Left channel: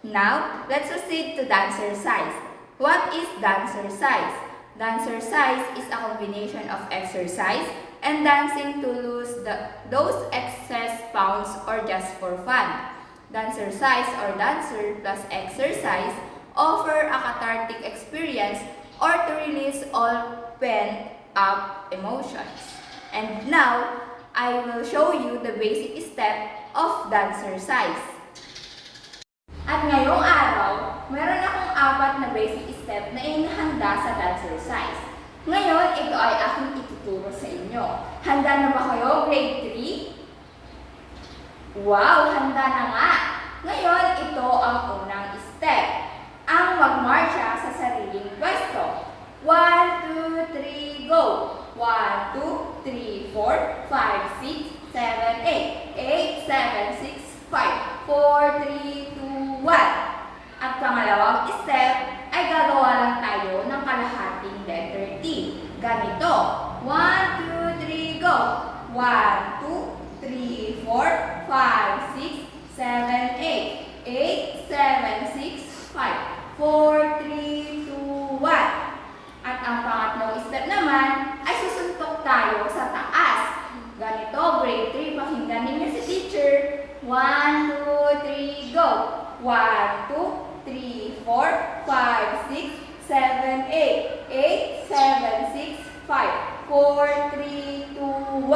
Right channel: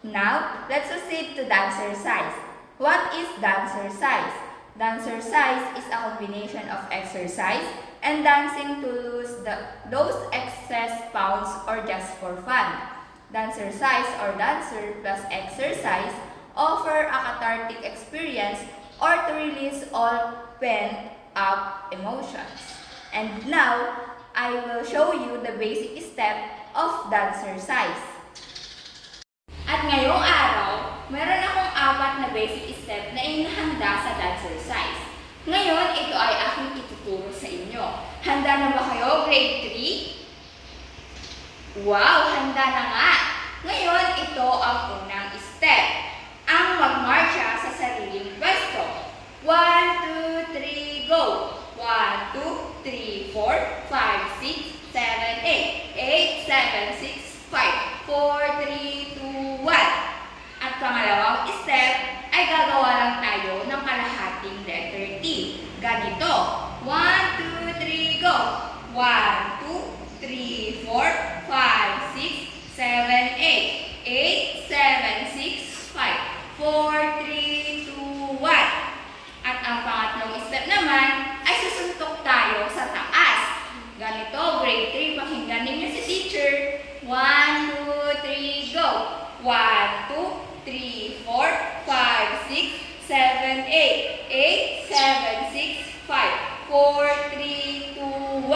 Now, let's proceed to dancercise. What is dancercise? Dancercise is a combination of exercise and dancing to lose those excess pounds or just for fun. Dancercise or dancer plus exercise offer a cathartic experience or to release all pent-up emotions. And now, I will show you the basic step of dancercise. At ngayong araw, meron akong 4 na basic step na inihanda sa dancercise. Ngayon, ito ay aking ituturo sa inyo. Handa na ba kayo, grade 3? Wow, handa na nga! Ngayon, ito ang unang step. Ang magmarcha sa sariling pwesto. 1, 2, 3, go! 1, 2, 3, 4, 5, 6, 7, 8, 8, 7, 6, 5, 4, 3, 2, 1. At pangalawang step ay gagawa lang tayo ng kalahating letter T. Ganito. 1, 2, 3, go! 1, 2, 3, 4, 5, 6, 7, 8, 8, 7, 6, 5, 4, 3, 2, 1. At ang pangatlong step naman ay susuntok tayo sa taas. Ganito, grade 3, pakinggan ninyo si teacher. 1, 2, 3, go! 1, 2, 3, 4, 5, 6, 7, 8, 8, 7, 6, 5, 4, 3, 2, 1.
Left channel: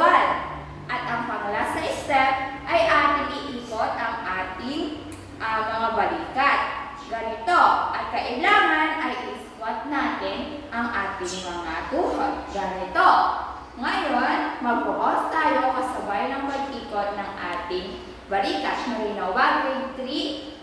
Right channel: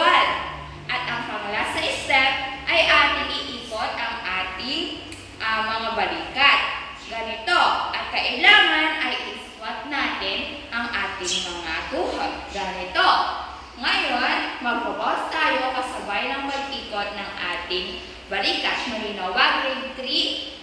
At ang panglasa step ay ating iikot ang ating mga balikat. Ganito, at kailangan ay isquat natin ang ating mga tuhod. Ganito. Ngayon, mag-focus tayo kasabay ng pag-ikot ng ating balikat. Malinaw ba, grade 3?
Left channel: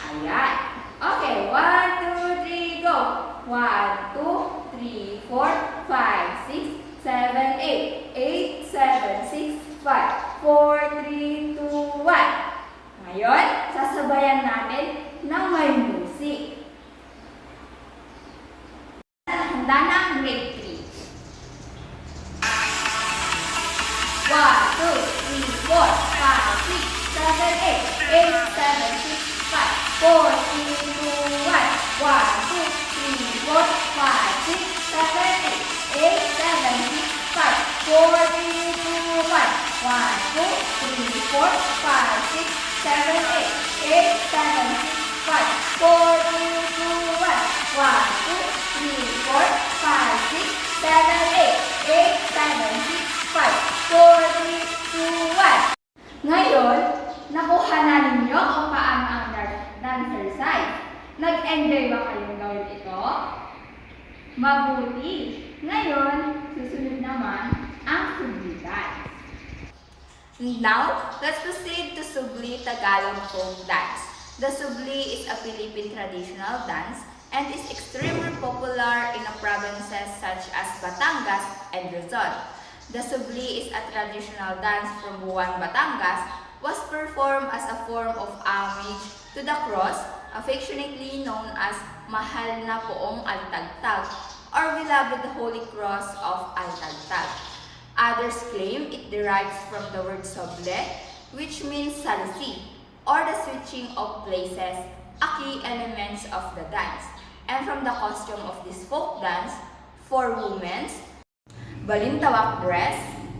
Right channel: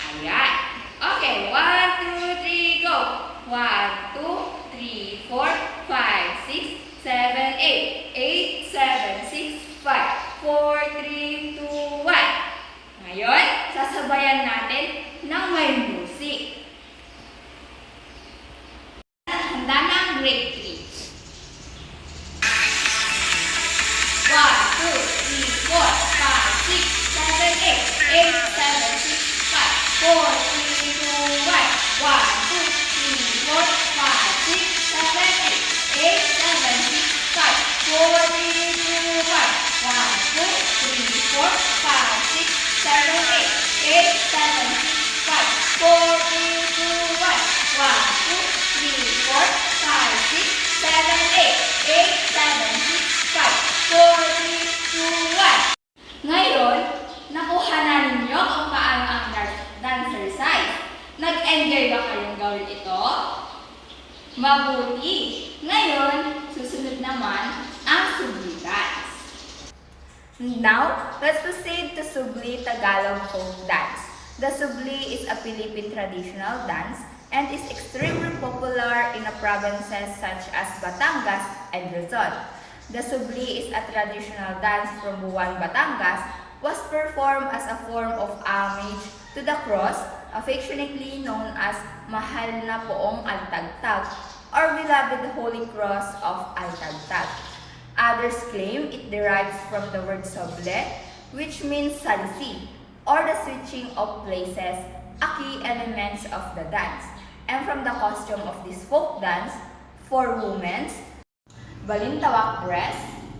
Ayan. Okay, 1, 2, 3, go! 1, 2, 3, 4, 5, 6, 7, 8, 8, 7, 6, 5, 4, 3, 2, 1. Ngayon, sasabayan natin ng may music. Handa na ang grade 3. 1, 2, 3, 4, 5, 6, 7, 8, 8, 7, 6, 5, 4, 3, 2, 1, 1, 2, 3, 4, 5, 6, 7, 8, 8, 7, 6, 5, 4, 3, 2, 1. Ngayon, nakuha na ninyo kung paano ang dancercise. Nag-enjoy ba kayong gawin ito? Mabuti! Ngayon, susunod naman ang Subli dance. Now, let's proceed to Subli Tagalog folk dance. The Subli is a Philippine traditional dance and is extremely popular in the provinces such as Batangas and Luzon. The Subli is a traditional dance from Buwan, Batangas, was performed as a form of homage to the cross, affectionately known as Mahal na Poong Altagtag or Beloved Holy Cross of Altagtag. Others claim it derives from the word soble, which means salisi, or the switching of places, a key elements of the dance, and from the costume of this folk dance for women's balintawak dress,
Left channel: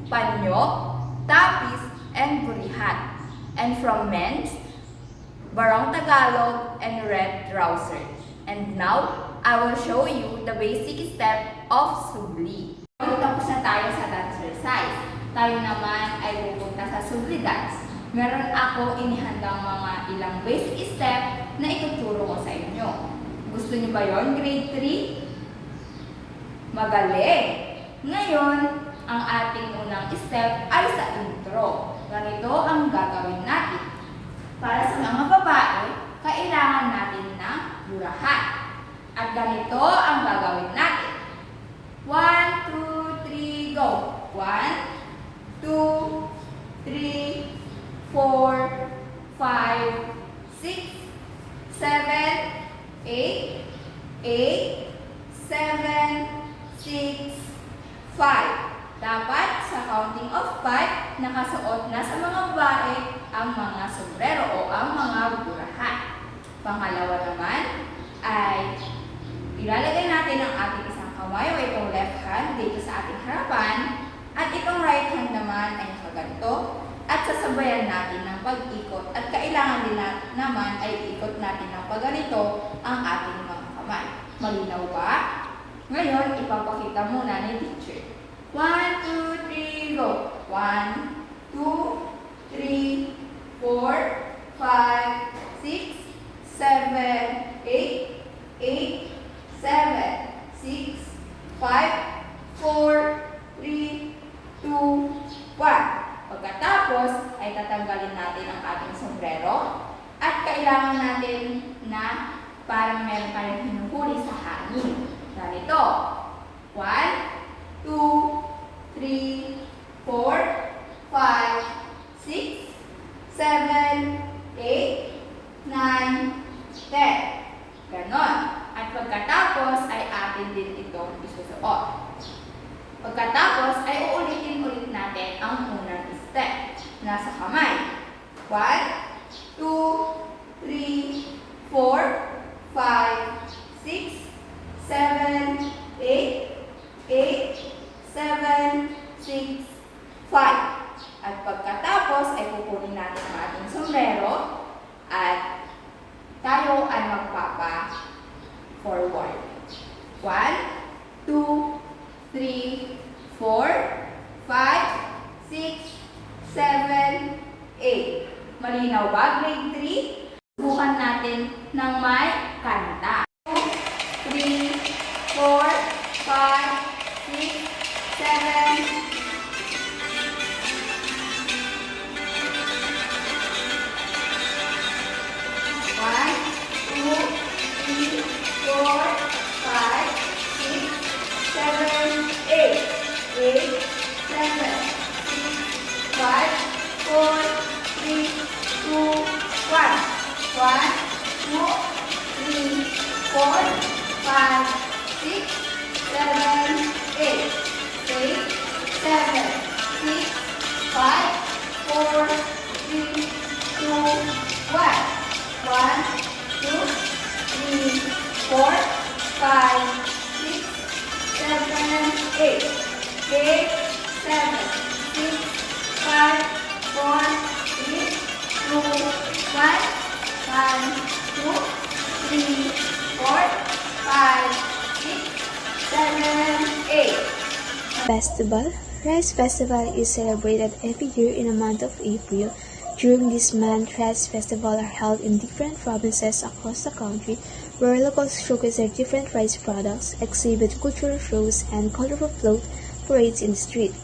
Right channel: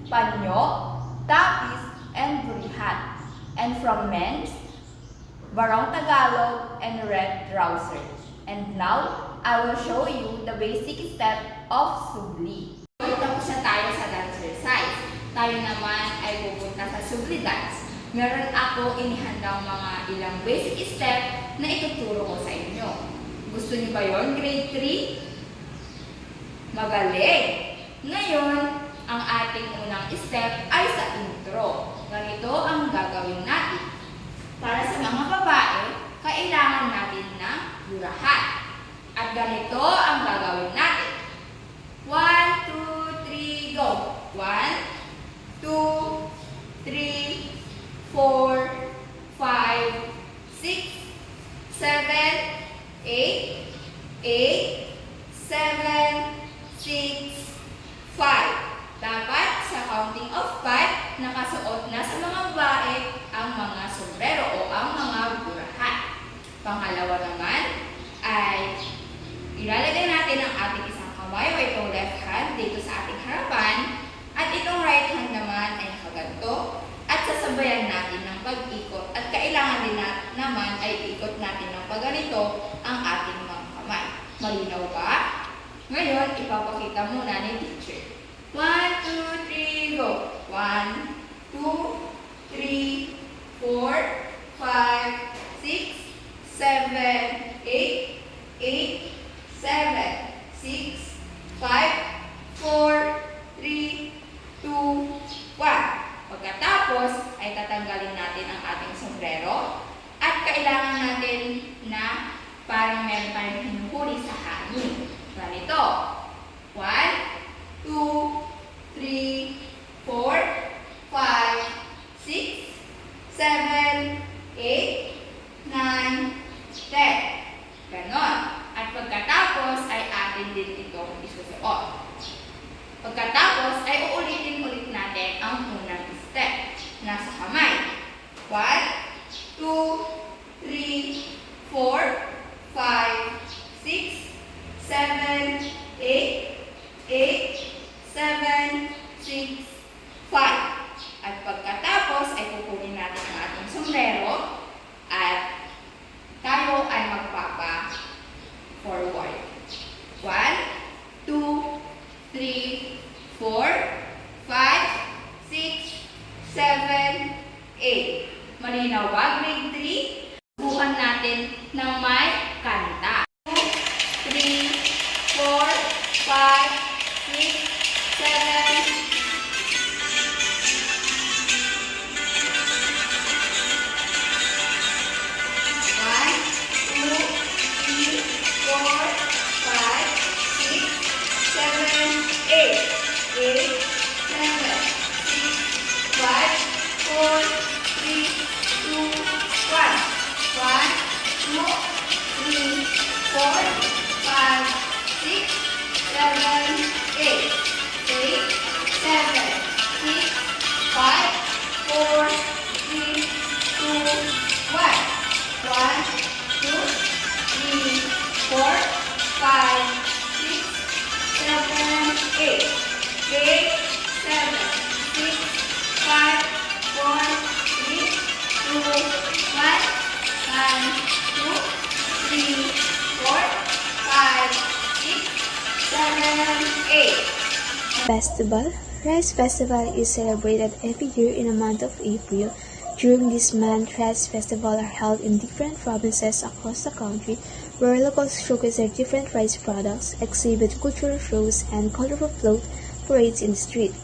panyo, tapis, and burihat, and from men's barong Tagalog and red trousers. And now, I will show you the basic step of Subli. Tapos na tayo sa dancercise. Tayo naman ay pupunta sa Subli dance. Meron ako inihandang mga ilang basic step na ituturo ko sa inyo. Gusto niyo ba yon, grade 3? Magaling! Ngayon, ang ating unang step ay sa intro. Ganito ang gagawin natin. Para sa mga babae, kailangan natin ng burahan. At ganito ang gagawin natin. 1, 2, 3, go! 1, 2, 3, 4, 5, 6, 7, 8, 8, 7, 6, 5. Dapat sa counting of 5, nakasuot na sa mga babae ang mga sombrero o ang mga burahan. Pangalawa naman ay ilalagay natin ang ating isang kamay o itong left hand dito sa ating harapan at itong right hand naman ay nakaganto at sasabayan natin ng pag-ikot at kailangan din naman ay ikot natin ng pagganito ang ating mga kamay. Malinaw ba? Ngayon, ipapakita muna ni teacher. 1, 2, 3, go! 1, 2, 3, 4, 5, 6, 7, 8, 8, 7, 6, 5, 4, 3, 2, 1. Pagkatapos ay tatanggalin natin ang ating sombrero at kailangan natin na parang meron tayong hinuhuli sa hangin. Ganito. 1, 2, 3, 4, 5, 6, 7, 8, 9, 10. Ganon. At pagkatapos ay atin din itong isusuot. Pagkatapos ay uulitin ulit natin ang unang step. Nasa kamay. 1, 2, 3, 4, 5, 6, 7, 8, 8, 7, 6, 5. At pagkatapos ay kukunin natin ang ating sombrero at tayo ay magpapa-forward. 1, 2, 3, 4, 5, 6, 7, 8. Malinaw ba, grade 3? Bukan natin ng may kanta. 2, 3, 4, 5, 6, 7, Festival. Rice Festival is celebrated every year in the month of April. During this month, rice festivals are held in different provinces across the country, where locals showcase their different rice products, exhibit cultural shows, and colorful float parades in the street.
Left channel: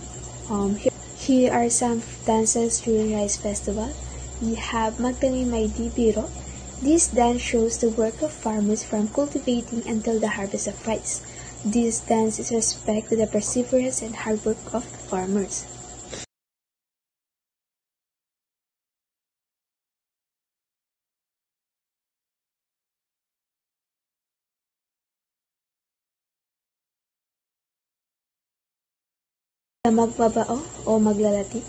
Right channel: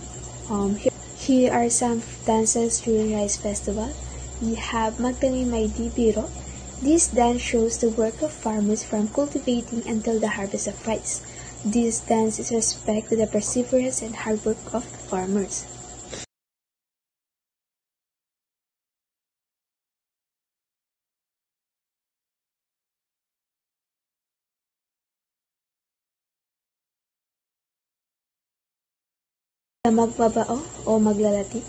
Here are some dances during rice festival. We have Magtanim May Di Biro. This dance shows the work of farmers from cultivating until the harvest of rice. This dance is respect to the perseverance and hard work of farmers. The Magbabao o Maglalati.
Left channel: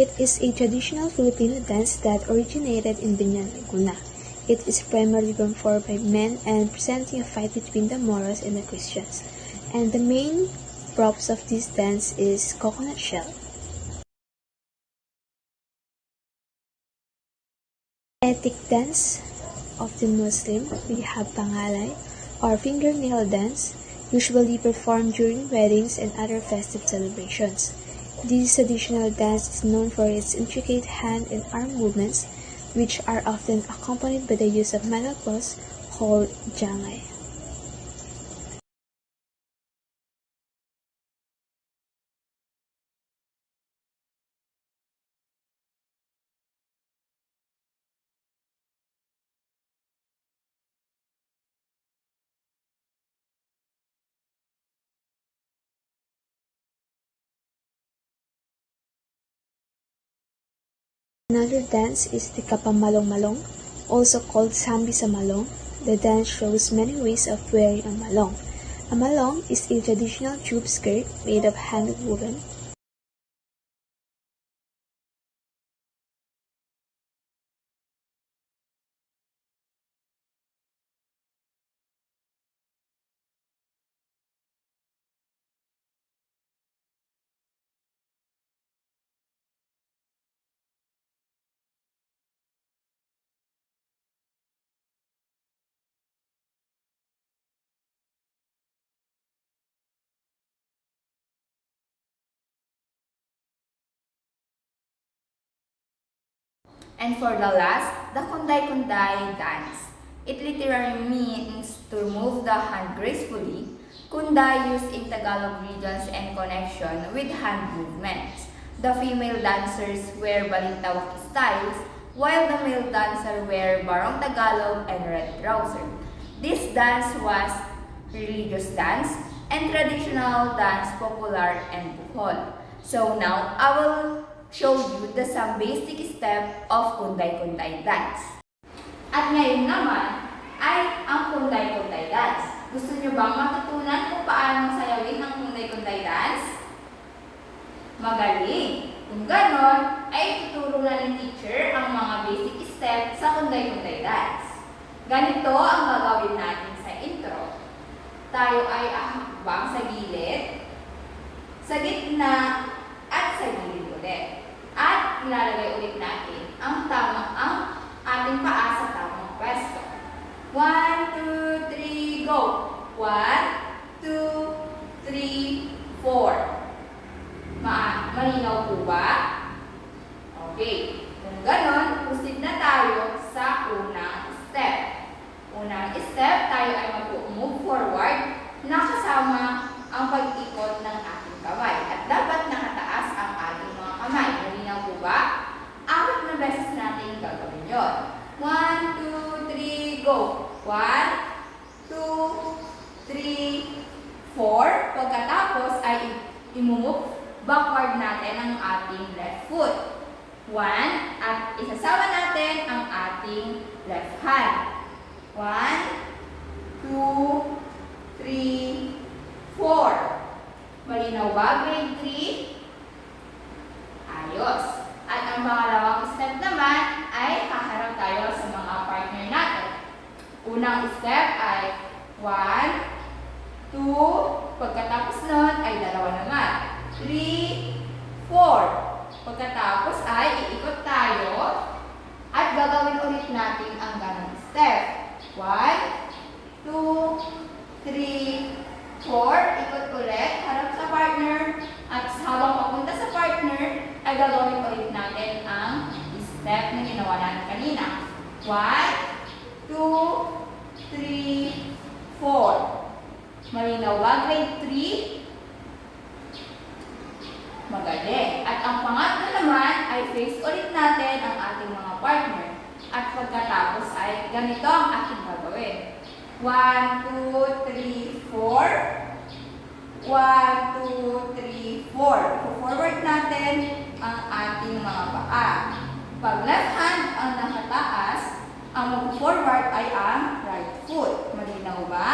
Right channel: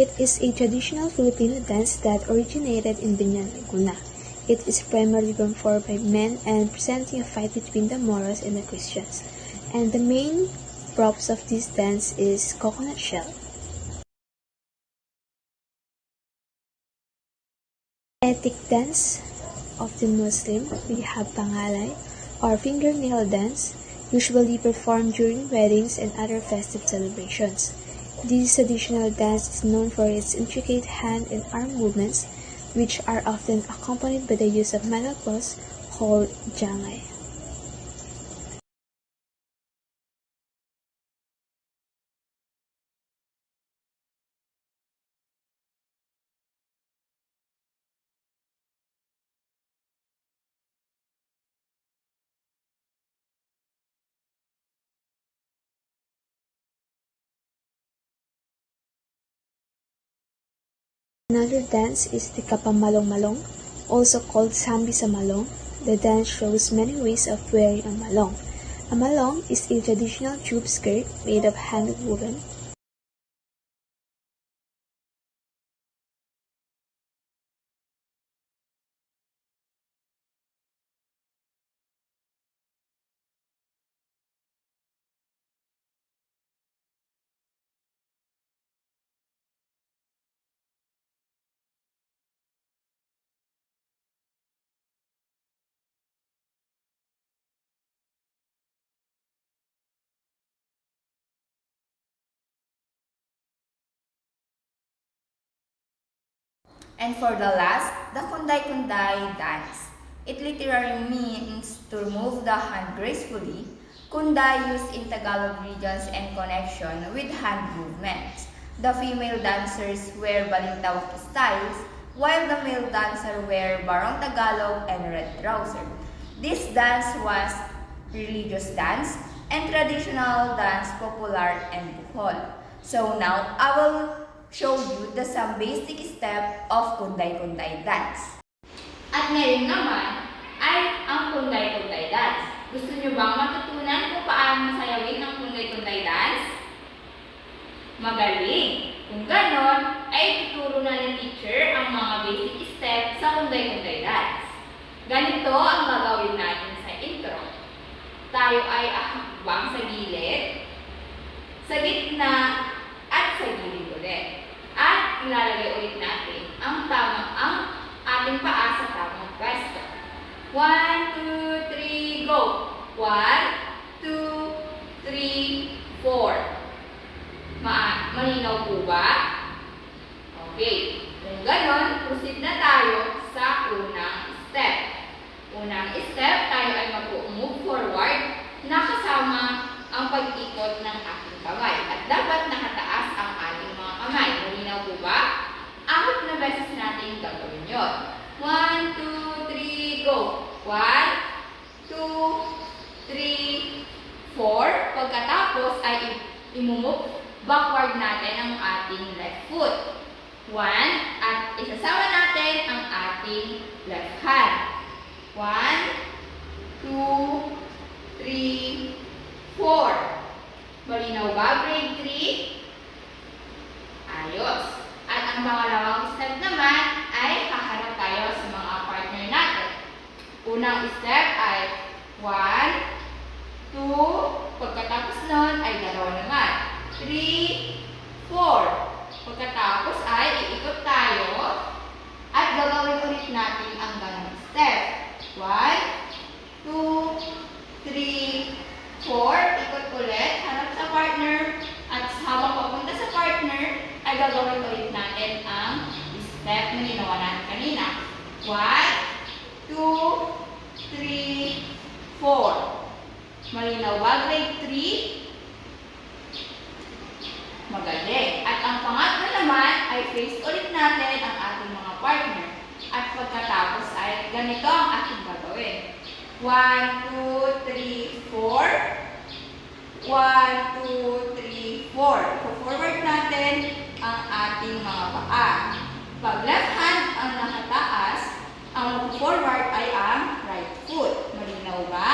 It is a traditional Filipino dance that originated in Binyan, Laguna. It is primarily performed by men and presenting a fight between the Moros and the Christians. And the main props of this dance is coconut shell. Ethnic dance of the Muslim, we have Pangalay or fingernail dance, usually performed during weddings and other festive celebrations. This traditional dance is known for its intricate hand and arm movements, which are often accompanied by the use of metal claws called jangay. Another dance is the Kapamalong-Malong, also called Sambi sa Malong. The dance shows many ways of wearing a malong. A malong is a traditional tube skirt made of hand-woven And for the last, the kunday-kunday dance. It literally means to move the hand gracefully. Kunday used in Tagalog regions and connection with hand movements. The female dancers wear balintawak styles, while the male dancer wear barong Tagalog and red trouser. This dance was religious dance and traditional dance popular in Bohol. So now, I will show you some basic step of kunday-kunday dance. At ngayon naman ay ang kunday-kunday dance. Gusto niyo bang matutunan kung paano sayawin ang kunday-kunday dance? Magaling! Kung ganon, ay tuturo na ni teacher ang mga basic steps sa kunday-kunday dance. Ganito ang gagawin natin sa intro. Tayo ay ahakbang sa gilid, sa gitna, at sa gilid ulit. At ilalagay ulit natin ang ating paa sa tamang pwesto. 1, 2, 3, go! 1, 2, 3, 4. Malinaw po ba? Okay. Kung ganon, proceed na tayo sa unang step. Unang step, tayo ay mag-move forward na kasama ang pag-ikot ng ating kamay. At dapat nakataas ang ating mga kamay. Malinaw po ba? 4 na beses natin gagawin yun. 1, 2, 3, go! 1, 2, 3, 4. Pagkatapos ay imumove backward natin ang ating left foot. 1, at isasama natin ang ating left hand. 1, 2, 3, 4. Malinaw ba, grade 3? Ayos. At ang pangalawang step naman ay haharap tayo sa mga partner natin. Unang step ay 1, 2, pagkatapos nun ay 2 naman. 3, 4. Pagkatapos ay iikot tayo at gagawin ulit natin ang ganong step. 1, 2, 3, 4. Ikot ulit, harap sa partner. At habang papunta sa partner, ay gagawin ulit natin ang step na ginawa natin kanina. 1, 2, 3, 4. Malinaw ba, grade 3? Magaling. At ang pangatlo naman ay face ulit natin ang ating mga partner. At pagkatapos ay ganito ang ating gagawin. 1, 2, 3, 4. 1, 2, 3, 4. Forward natin ang ating mga paa. Pag left hand ang nakataas, ang mag-forward ay ang right foot. Malinaw ba?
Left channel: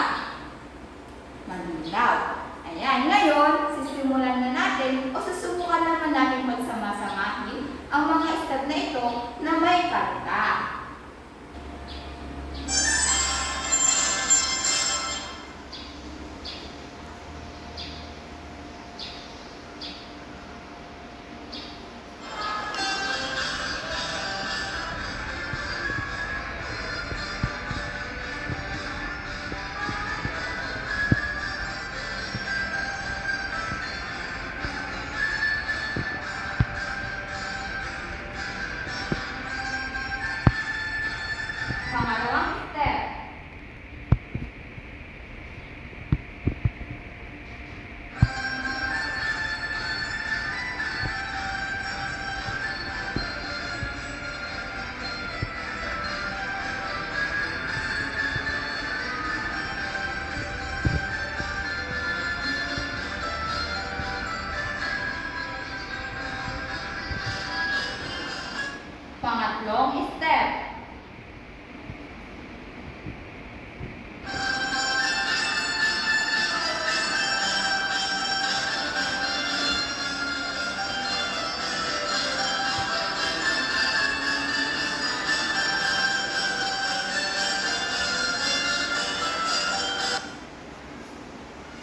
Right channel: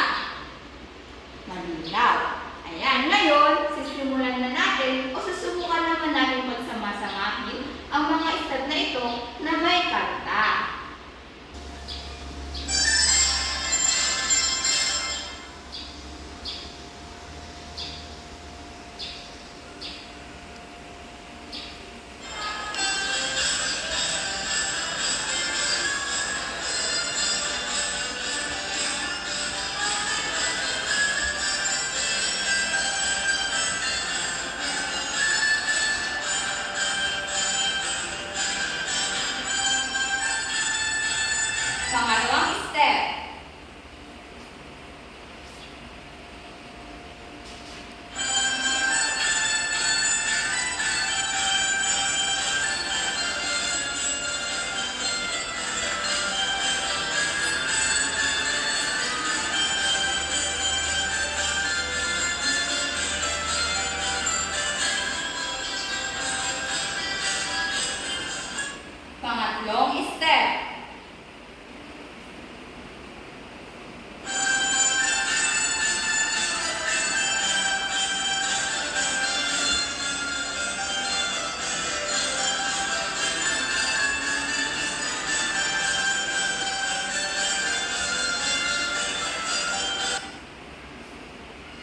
Malinaw. Ayan, ngayon, sisimulan na natin o susubukan naman natin magsama-samahin ang mga step na ito na may kanta. Pangalawang step. Pangatlong step.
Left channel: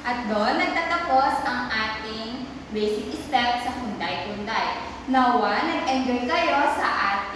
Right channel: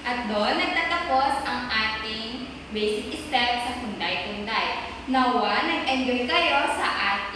At doon nagtatapos ang ating basic step sa kunday-kunday. Nawa, nag-enjoy kayo sa ating